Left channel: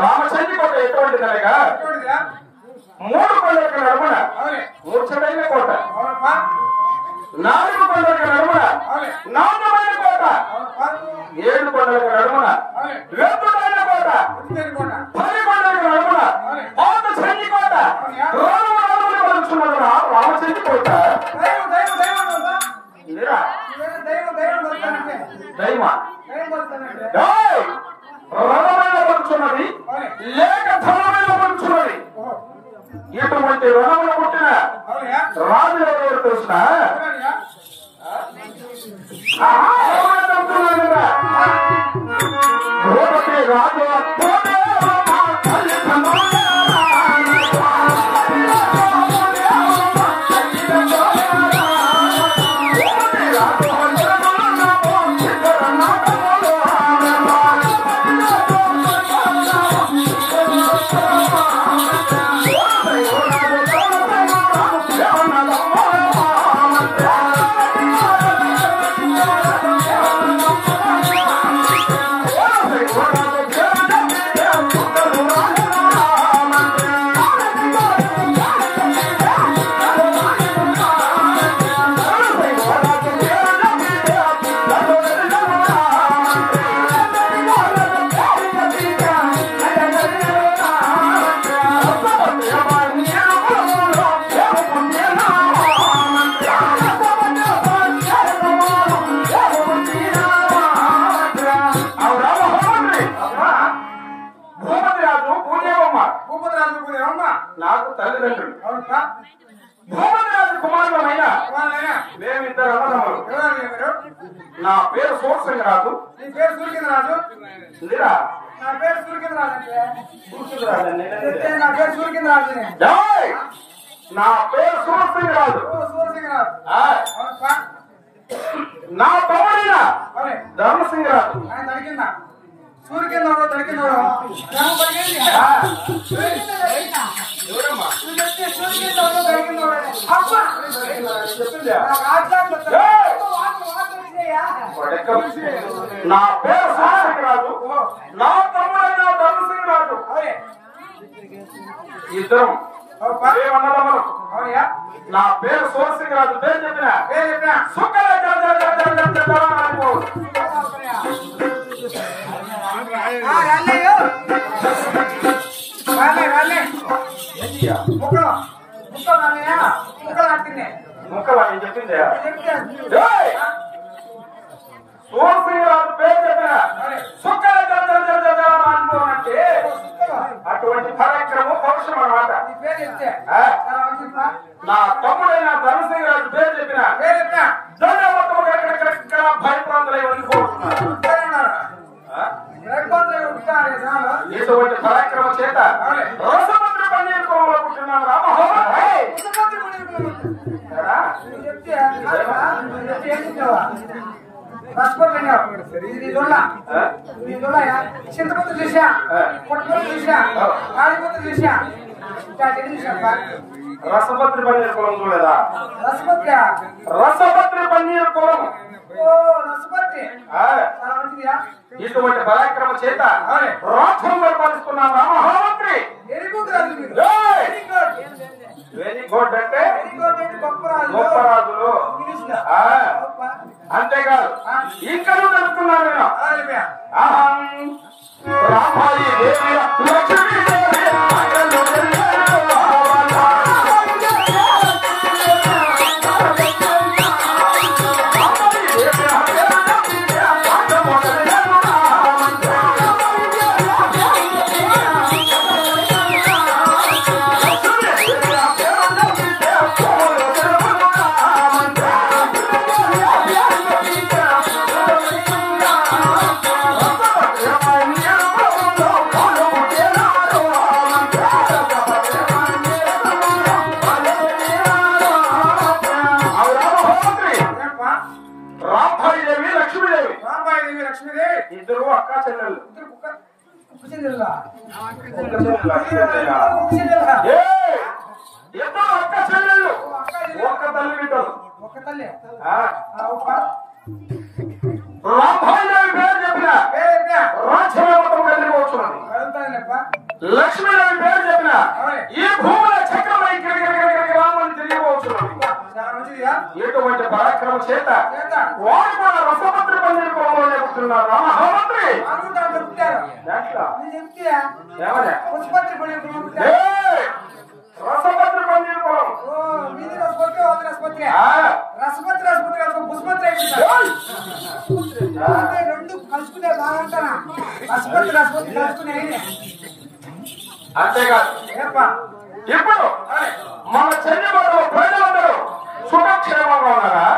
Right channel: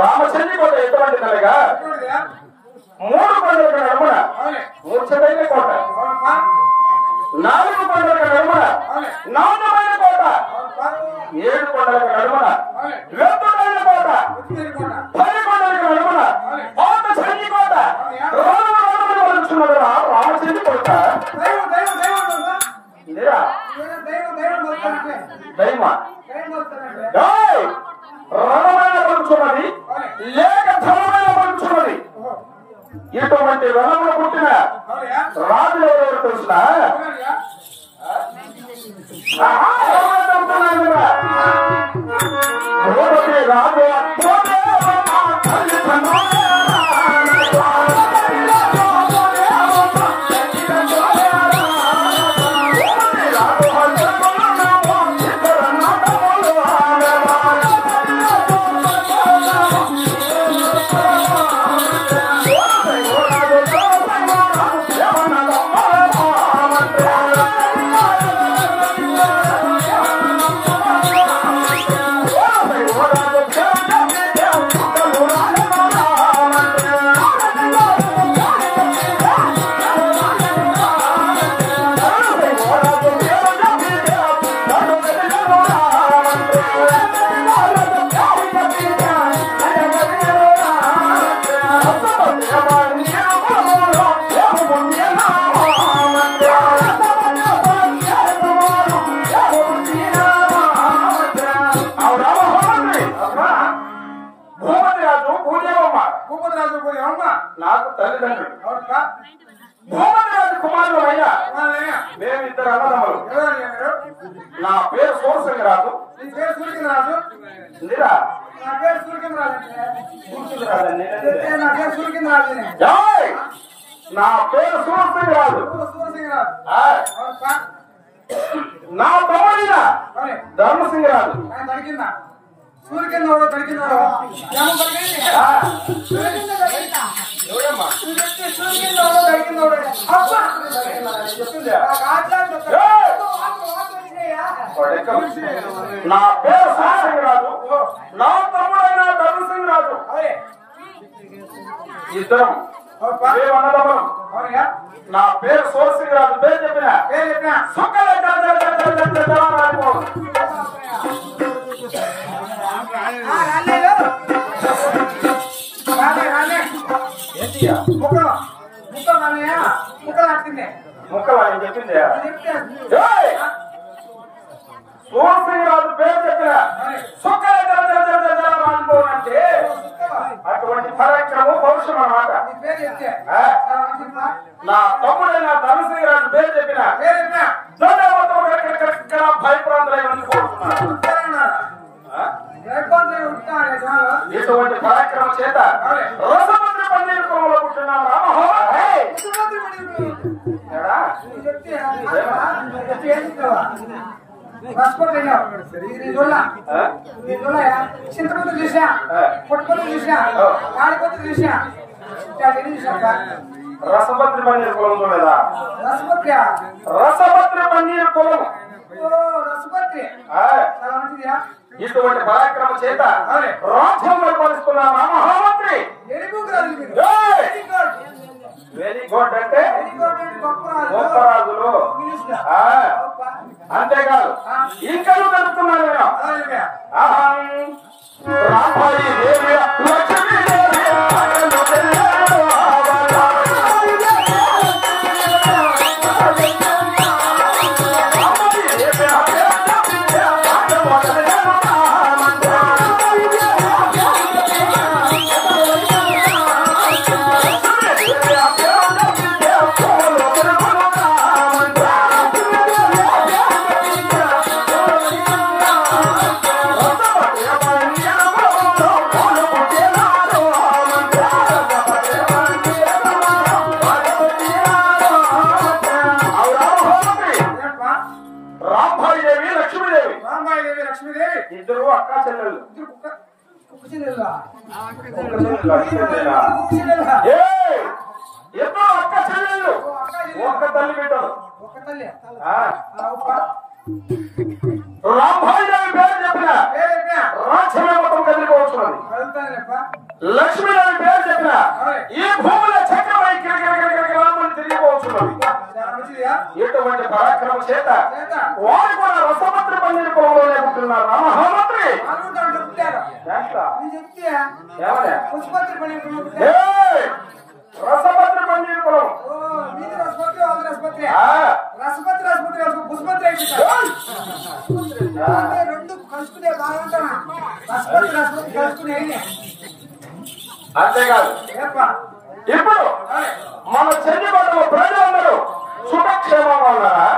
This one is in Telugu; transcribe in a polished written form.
రామచంద్రి కోట ఎటువంటిదనగా 3 కొండలకు నడుమున మూర్ఛమైన కోట, 4 కొండలకు నడుమున నాణ్యమైన కోట, 7 కొండలకు నడుమున ఎత్తుడైన కోట, 10 కొండలకు నడుమున పాత సంధి కోట, రోడ్డు పలుకుతున్నది రామచంద్రి కోట. దైవ రణమైన పలుకుతున్నది లేక ధనమైన పలుకుతున్నది. ఇటువంటి రణములు పుట్టిన రాజు ఎవరు తెలుసా? రాజు నాకు తల్లిదండ్రులు భూమరాజు కుమారులమయ్యా. మేమిద్దరు అన్నదమ్ములు. నా పేరు సూర్సింగరాజు. నీ పేరు సూర్యరాజు? లేరా? నా పేరు సూర్యరాజు. నా పేరు సూర్సింగరాజు. నా తమ్ముడినా ధర్మసింగరాజు. సూర్యకిందోడు తడికిందోడు నా పేరు సూర్యసింగరాజు. నా తమ్ముడైన ధర్మసింగరాజు. ఇద్దరం ఏమన్నదమ్మలం. నా పేరు సూర్యసింగరాజు. పేరు చెప్పిన ముక్కలు అని చెప్పింది. సూర్యసింగరాజు పేరు చెప్పిన అంటే అటువంటి పరాక్రమం పౌరుషం అన్నమాట. నా తమ్ముడైన ధర్మసింగరాజు పేరు చెప్పిన భయప్రాంతాలు వణికిపోతున్నారు. ఇటువంటి పరాక్రమం చేత రోజమంత్రి పండితులంలో పుట్టినాను. రసపత్రి చింతపత్రి చూసా పుట్టపత్రి చూసా కాళీపత్రి చూసా రసపత్రి పన్నీర్ కులం చూడలేదా? రసపత్రి పన్నీర్ కులం. రసపత్రి ఇటువంటి పరాక్రమ చేత రాజ్యం పరిపాలిస్తున్నామా మహామంత్రి? వెరీ గుడ్ అంటే గొప్ప రాజులు. అంతేకాదు ఇంకా నడుపుతున్నాను నేను. రామాయి దేవి లక్ష్మీ ఇద్దరు అక్క చెల్లెళ్ళు. ఇద్దరు అక్క చెల్లెళ్ళు, ఒక్క తల్లి బిడ్డలు. రామాయిదేవి పేరు చెప్పిన రాజ్యం మొత్తం కలిగిపోతున్నది. లక్ష్మీదేవి పేరు చెప్పిన ఈ భూముల చక్రమై గిరగిరగిరగిరగిరామని తిరిగిపోతున్నది. ఎటువంటి పరాక్రమ చేత వారు కూడా రసపత్రి పన్నీర్ కులంలో లేపుతున్నారు. మహామంత్రి రసపత్రి పన్నీర్ కులం. రెండు కలుసుకునే బాగుంటానా? రసపత్రి కలుసుకునే. అంతేకాదు ఇప్పుడు మన చెల్లిబాటు ప్రజలందరూ సుఖక్షేమంగా ఉన్నారా?